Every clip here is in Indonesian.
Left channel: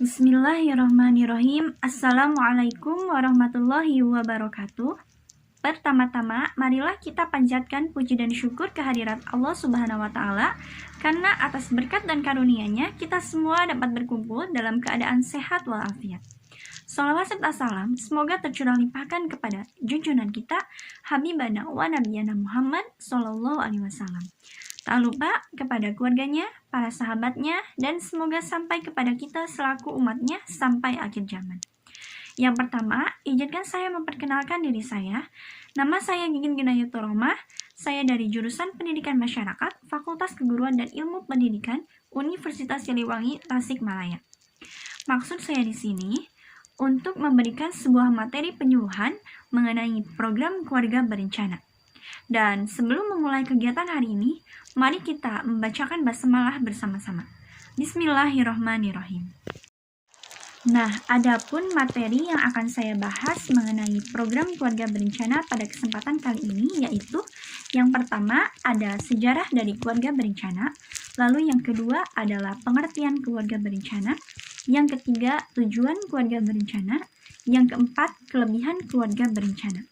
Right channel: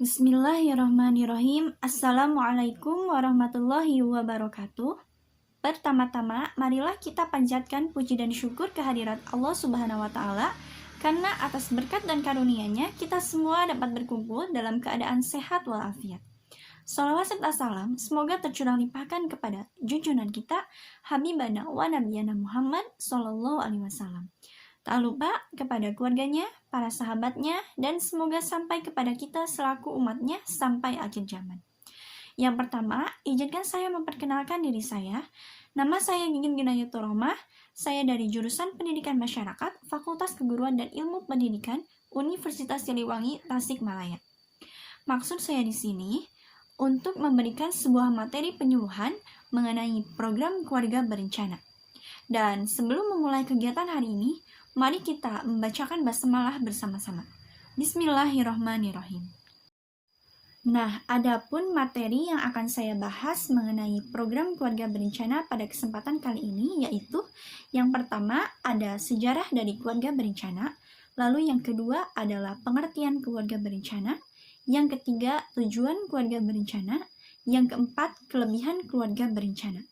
Bismillahirrahmanirrahim. Assalamualaikum warahmatullahi wabarakatuh. Pertama-tama, marilah kita panjatkan puji dan syukur kehadirat Allah Subhanahu wa Ta'ala, karena atas berkat dan karunia-Nya kita semua dapat berkumpul dalam keadaan sehat walafiat. Salawat serta salam semoga tercurah limpahkan kepada junjungan kita Habibana wa Nabiyana Muhammad Sallallahu Alaihi Wasallam. Tak lupa kepada keluarganya, para sahabatnya, dan semoga sampai kepada kita selaku umatnya sampai akhir zaman. Yang pertama, izinkan saya memperkenalkan diri saya. Nama saya Gigin Ginayatul Rohmah. Saya dari jurusan Pendidikan Masyarakat, Fakultas Keguruan dan Ilmu Pendidikan, Universitas Siliwangi, Tasikmalaya. Maksud saya di sini untuk memberikan sebuah materi penyuluhan mengenai program keluarga berencana. Dan sebelum memulai kegiatan hari ini, mari kita membacakan basmalah bersama-sama. Bismillahirrahmanirrahim. Nah, adapun materi yang akan saya bahas mengenai program keluarga berencana pada kesempatan kali ini yaitu yang pertama ada sejarah dari keluarga berencana, lalu yang kedua adalah pengertian keluarga berencana, yang ketiga tujuan keluarga berencana, yang keempat kelebihan keluarga berencana.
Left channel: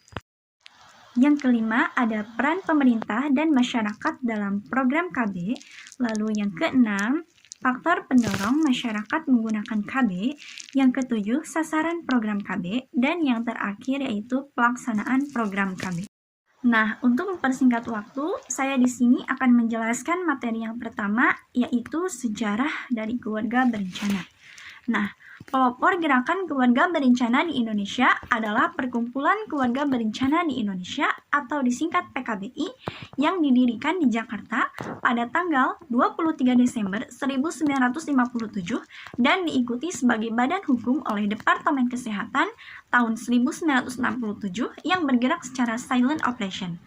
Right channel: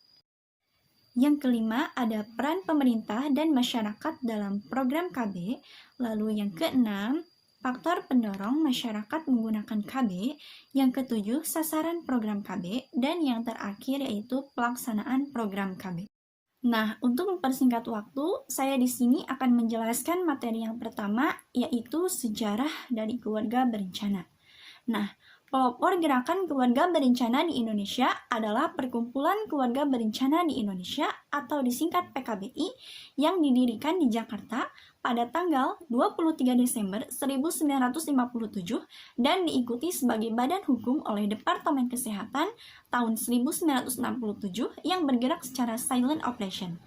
Yang kelima ada peran pemerintah dan masyarakat dalam program KB, lalu yang keenam faktor pendorong masyarakat menggunakan KB, yang ketujuh sasaran program KB, dan yang terakhir yaitu pelaksanaan program KB. Nah, untuk mempersingkat waktu, saya di sini akan menjelaskan materi yang pertama yaitu sejarah dari keluarga berencana. Nah, pelopor gerakan keluarga berencana di Indonesia adalah Perkumpulan Keluarga Berencana di Indonesia atau disingkat PKBI yang didirikan di Jakarta pada tanggal 23 Desember 1957 dan diikuti sebagai badan hukum oleh Departemen Kesehatan tahun 1967 yang bergerak secara silent operation.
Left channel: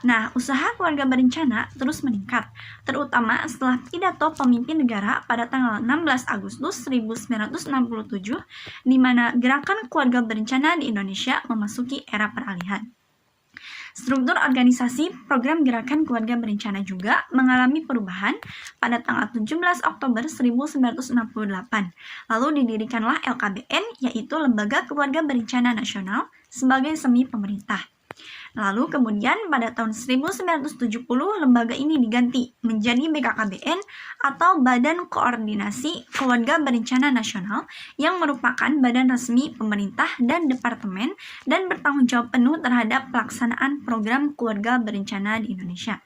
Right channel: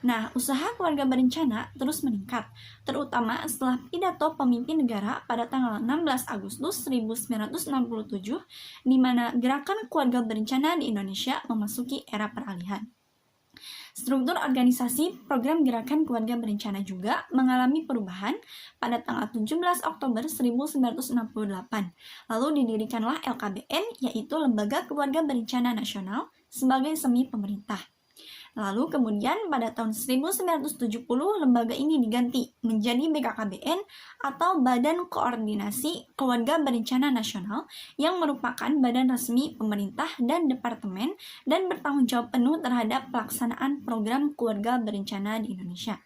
Nah, usaha keluarga berencana terus meningkat, terutama setelah pidato pemimpin negara pada tanggal 16 Agustus 1967, di mana gerakan keluarga berencana di Indonesia memasuki era peralihan. Struktur organisasi program gerakan keluarga berencana juga mengalami perubahan pada tanggal 17 Oktober 1968. Lalu didirikanlah LKBN, yaitu Lembaga Keluarga Berencana Nasional, sebagai semi pemerintah. Lalu kemudian pada tahun 1970 lembaga ini diganti menjadi BKKBN atau Badan Koordinasi Keluarga Berencana Nasional yang merupakan badan resmi pemerintah dan departemen dan bertanggung jawab penuh terhadap pelaksanaan program keluarga berencana di Indonesia.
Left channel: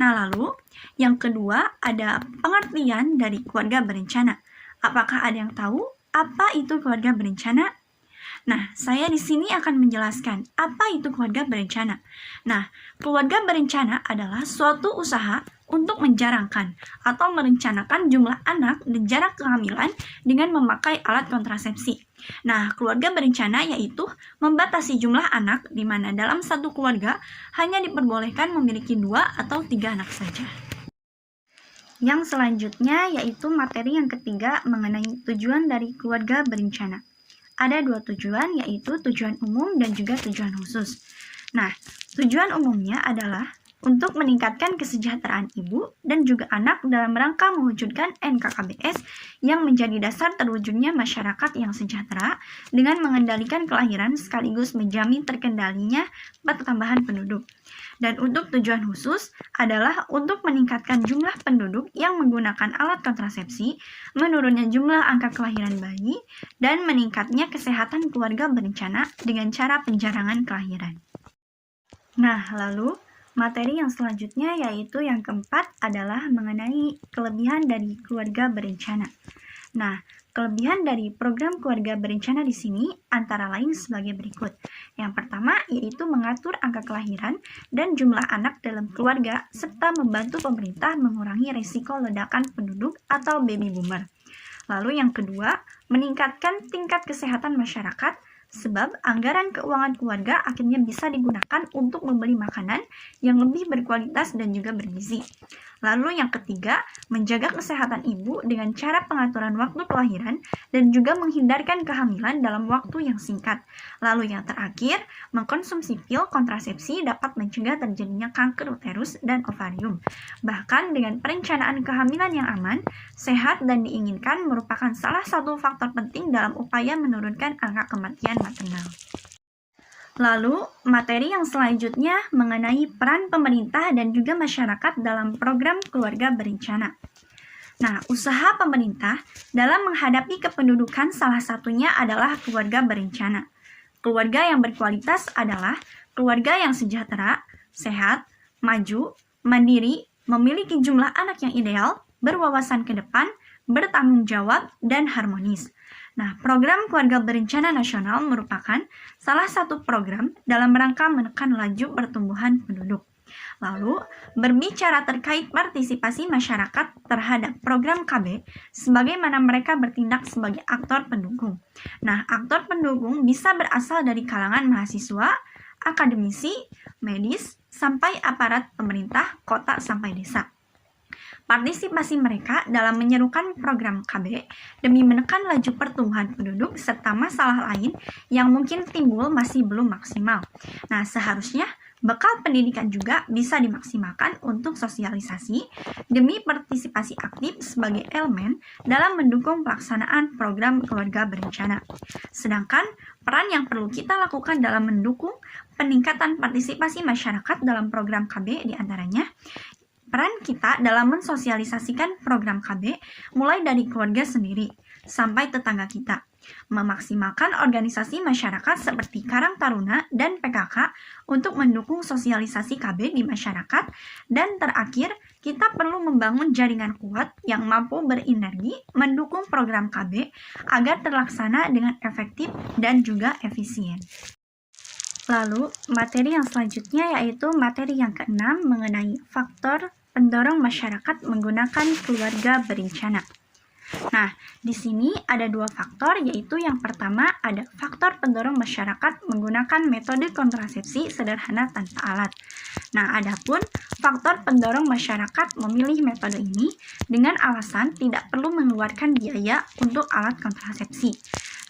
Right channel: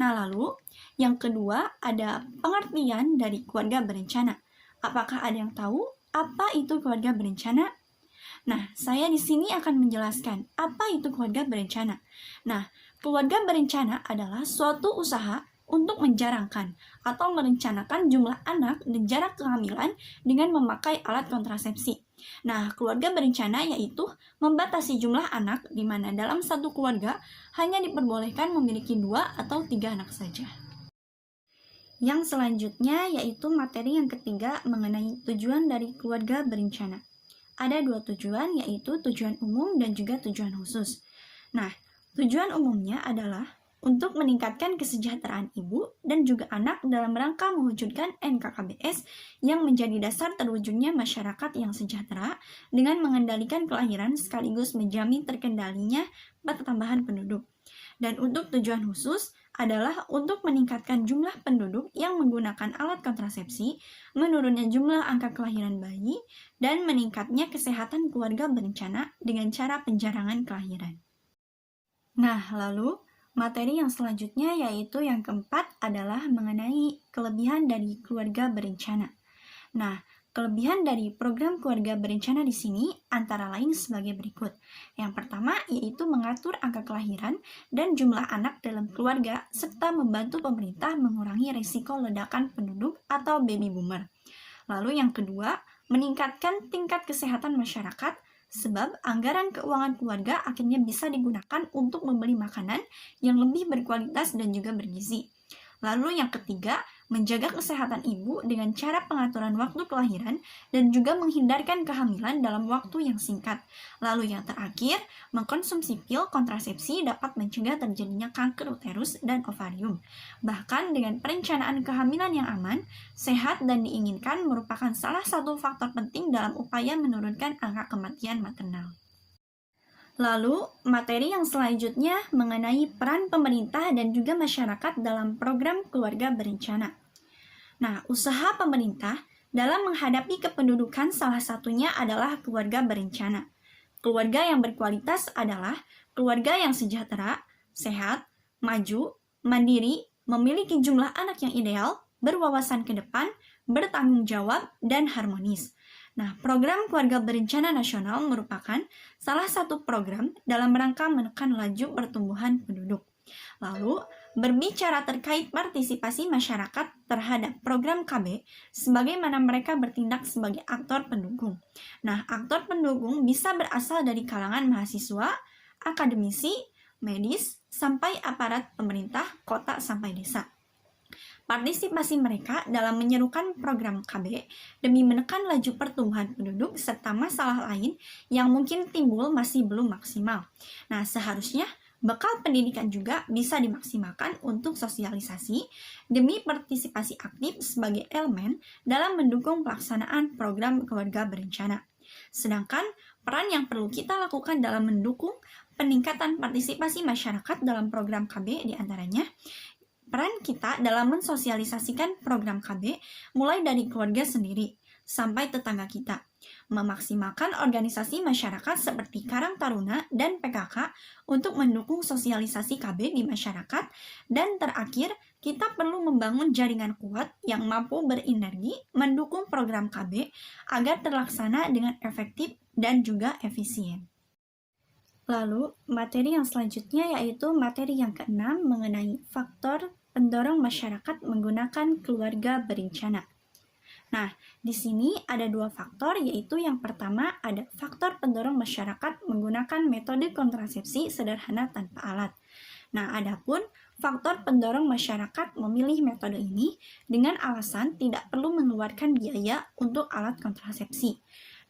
Nah, lalu yang kedua ada pengertian dari keluarga berencana. Apakah ada yang tahu apa itu keluarga berencana? Nah, saya di sini akan menjelaskan apa itu keluarga berencana. Nah, keluarga berencana adalah suatu usaha untuk menjarangkan atau merencanakan jumlah anak dan jarak kehamilan dengan memakai alat kontrasepsi. Nah, keluarga berencana yaitu membatasi jumlah anak di mana dalam satu keluarga hanya diperbolehkan memiliki 2 atau 3 anak saja. Yang selanjutnya yaitu materi yang ketiga mengenai tujuan dari keluarga berencana. Ada 2 tujuan, yaitu tujuan umum dan juga tujuan khusus. Nah, tujuan umumnya adalah untuk meningkatkan kesejahteraan ibu dan juga anak dalam rangka mewujudkan NKKBS yang menjadi dasar terwujudnya masyarakat yang sejahtera dengan mengendalikan kelahiran sekaligus menjamin terkendalinya pertambahan penduduk. Dan untuk tujuan khusus adalah untuk meningkatkan jumlah penduduk yang menggunakan alat kontrasepsi, menurunnya jumlah angka kelahiran bayi, dan meningkatnya kesehatan keluarga berencana dengan cara penjarangan kelahiran. Nah, lalu materi yang selanjutnya yaitu yang keempat adalah mengenai kelebihan dari keluarga berencana. Nah, kelebihan dari program keluarga berencana di sini antara lain sebagai berikut. Yang pertama yaitu mengatur angka kelahiran dan jumlah anak dalam keluarga serta membantu pemerintah mengurangi risiko ledakan penduduk atau baby boomer. Lalu yang kedua, meningkatkan tingkat kesehatan masyarakat sebab anggaran keuangan keluarga akhirnya bisa digunakan untuk membeli makanan yang lebih berkualitas dan juga bergizi. Lalu yang ketiga, menjaga kesehatan ibu dengan cara pengaturan waktu kelahiran dan juga menghindarkan kehamilan dalam waktu yang singkat. Lalu yang terakhir, mengkonsumsi pil kontrasepsi dapat mencegah terjadinya kanker uterus dan ovarium. Bahkan dengan perencanaan kehamilan yang aman, sehat dan diinginkan merupakan salah satu faktor penting dalam upaya menurunkan angka kematian maternal. Lalu, materi yang selanjutnya mengenai peran pemerintah dan juga masyarakat dalam program keluarga berencana. Nah, usaha pemerintah dalam menghadapi kependudukan salah satunya adalah keluarga berencana. Keluarga yang berkualitas adalah keluarga yang sejahtera, sehat, maju, mandiri, memiliki jumlah anak yang ideal, berwawasan ke depan, bertanggung jawab, dan harmonis. Nah, program Keluarga Berencana Nasional merupakan salah satu program dalam rangka menekan laju pertumbuhan penduduk. Lalu, berbicara terkait partisipasi masyarakat terhadap program KB, sebagaimana mereka bertindak sebagai aktor pendukung. Nah, aktor pendukung bisa berasal dari kalangan mahasiswa, akademisi, medis, sampai aparat pemerintah, kota sampai desa. Partisipasi mereka dalam menyerukan program KB demi menekan laju pertumbuhan penduduk serta masalah lain yang mungkin timbul masih belum maksimal. Nah, seharusnya bekal pendidikan juga bisa dimaksimalkan untuk sosialisasi demi partisipasi aktif sebagai elemen dalam mendukung pelaksanaan program keluarga berencana. Sedangkan peran yang perlu kita lakukan dalam mendukung peningkatan partisipasi masyarakat dalam program KB diantaranya peran kita dalam mensosialisasikan program KB mulai dari keluarga sendiri sampai tetangga kita, memaksimalkan organisasi masyarakat seperti Karang Taruna dan PKK untuk mendukung sosialisasi KB di masyarakat, dan terakhir, kita perlu membangun jaringan kuat yang mampu berenergi mendukung program KB agar terlaksana dengan efektif dan juga efisien. Lalu, materi yang selanjutnya yaitu materi yang keenam mengenai faktor pendorong masyarakat menggunakan keluarga berencana. Nah, di sini ada dua faktor, yaitu yang pertama ada faktor pendorong masyarakat menggunakan metode kontrasepsi sederhana tanpa alat. Nah, adapun faktor pendorong masyarakat memilih metode ini dengan alasan tidak perlu mengeluarkan biaya untuk alat kontrasepsi.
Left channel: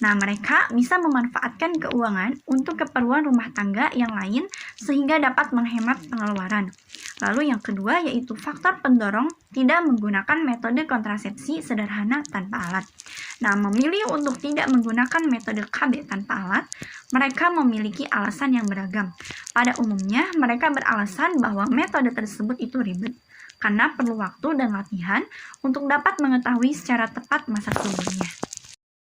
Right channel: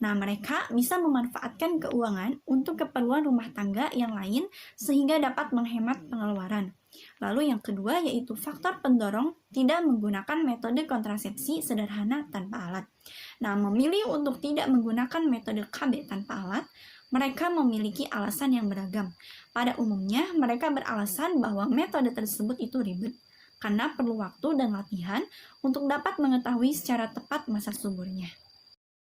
Nah, mereka bisa memanfaatkan keuangan untuk keperluan rumah tangga yang lain sehingga dapat menghemat pengeluaran. Lalu yang kedua yaitu faktor pendorong tidak menggunakan metode kontrasepsi sederhana tanpa alat. Nah, memilih untuk tidak menggunakan metode KB tanpa alat, mereka memiliki alasan yang beragam. Pada umumnya, mereka beralasan bahwa metode tersebut itu ribet, karena perlu waktu dan latihan untuk dapat mengetahui secara tepat masa tubuhnya.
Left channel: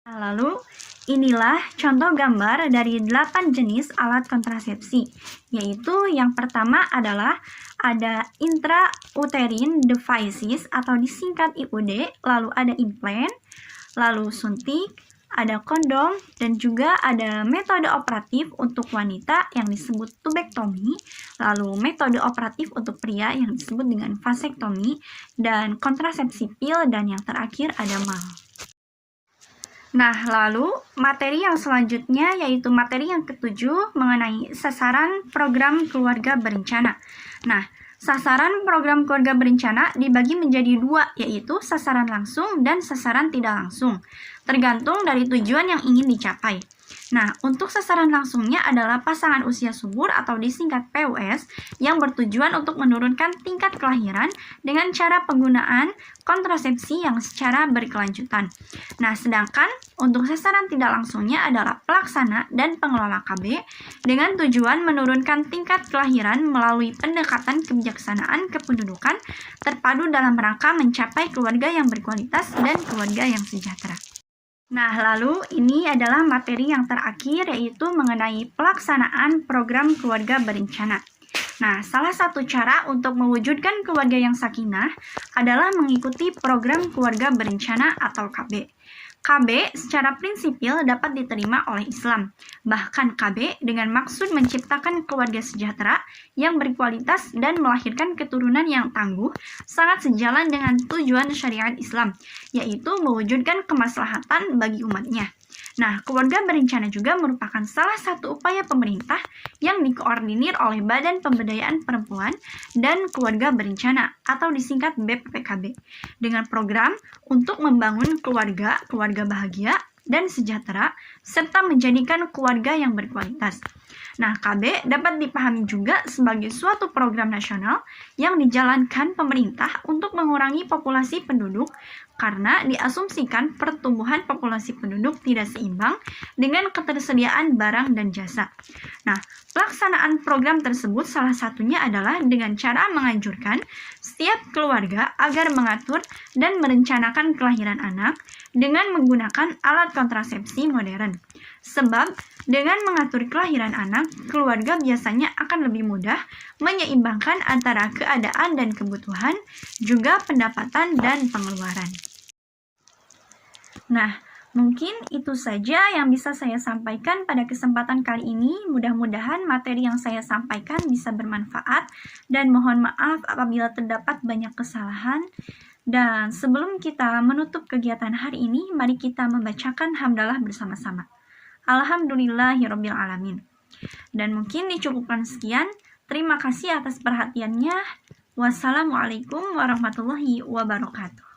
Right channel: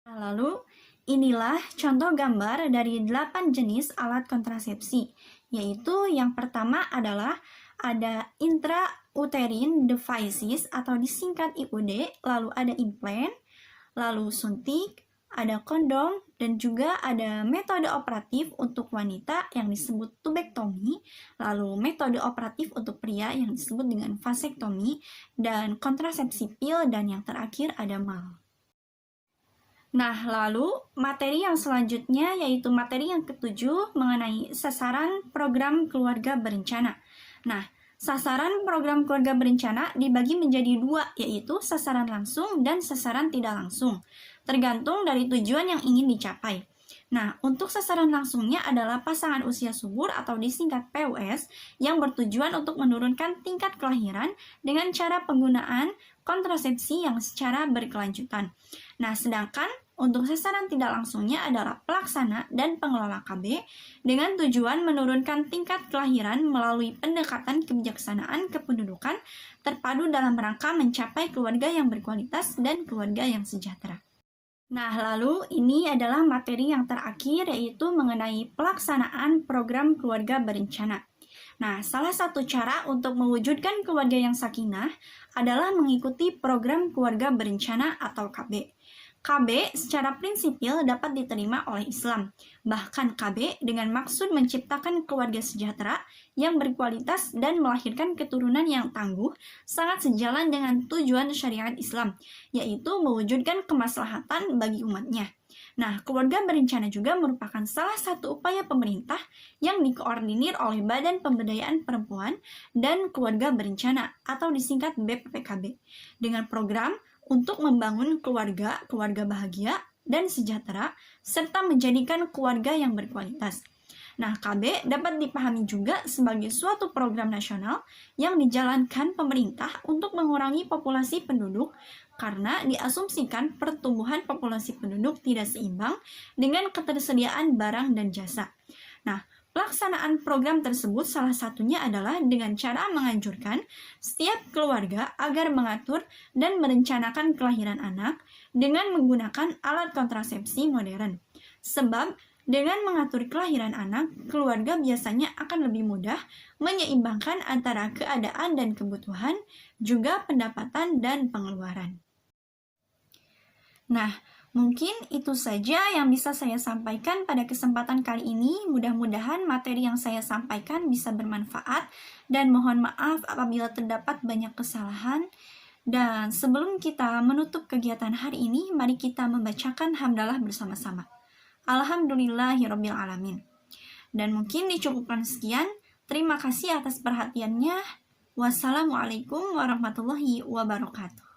Nah, lalu inilah contoh gambar dari 8 jenis alat kontrasepsi, yaitu yang pertama adalah ada intrauterine devices atau disingkat IUD, lalu ada implant, lalu suntik, ada kondom, dan juga ada metode operatif untuk wanita yang disebut tubektomi, lalu metode operatif untuk pria yang disebut dengan vasektomi, dan kontrasepsi pil, dan yang terakhir ada MAL. Nah, lalu materi yang selanjutnya yaitu materi yang ketujuh mengenai sasaran program keluarga berencana. Nah, sasaran program keluarga berencana dibagi menjadi dua, yaitu sasaran langsung dan sasaran tidak langsung, tergantung dari tujuan yang ingin dicapai. Nah, untuk sasaran langsungnya adalah pasangan usia subur atau disingkat PUS yang bertujuan untuk menurunkan tingkat kelahiran dengan cara penggunaan kontrasepsi yang secara berkelanjutan. Nah, sedangkan untuk sasaran tidak langsungnya adalah pelaksana dan pengelola KB dengan tujuan menurunkan tingkat kelahiran melalui pendekatan kebijaksanaan kependudukan terpadu dalam rangka mencapai keluarga yang berkualitas dan keluarga yang sejahtera. Nah, lalu ini adalah materi yang terakhir yaitu mengenai pelaksanaan program keluarga berencana. Nah, salah satu cara untuk mewujudkan keluarga yang sakinah adalah mengikuti program keluarga berencana atau KB. KB secara prinsipil dapat diterima oleh Islam. Bahkan KB dengan maksud menciptakan keluarga sejahtera yang berkualitas dan melahirkan keturunan yang tangguh sangat sejalan dengan tujuan syariat Islam, yaitu mewujudkan kemaslahatan bagi umatnya. Nah, keluarga berencana juga merupakan salah satu upaya pemerintah yang dikoordinir oleh Badan Pemberdayaan Perempuan dan Keluarga Berencana atau disingkat BPPKB dengan program untuk membangun keluarga bahagia dan sejahtera serta menjadikan keluarga yang berkualitas. Nah, KB dapat dipahami juga sebagai suatu program nasional yang dijalankan pemerintah untuk mengurangi populasi penduduk karena diasumsikan pertumbuhan populasi penduduk tidak seimbang dengan ketersediaan barang dan jasa. Nah, pelaksanaan program tersebut salah satunya adalah dengan cara menganjurkan setiap keluarga agar mengatur dan merencanakan kelahiran anak dengan menggunakan alat kontrasepsi modern. Sebab dengan mengatur kelahiran anak, keluarga biasanya akan lebih mudah menyeimbangkan antara keadaan dan kebutuhan, juga pendapatan dan pengeluaran. Nah, mungkin itu saja yang bisa saya sampaikan pada kesempatan kali ini. Mudah-mudahan materi yang saya sampaikan bisa bermanfaat dan mohon maaf apabila terdapat banyak kesalahan. Dan sebelum kita menutup kegiatan hari ini, mari kita membacakan hamdalah bersama-sama. Alhamdulillahirrabbilalamin. Dan mungkin dicukupkan sekian. Terima kasih atas perhatiannya. Wassalamualaikum warahmatullahi wabarakatuh.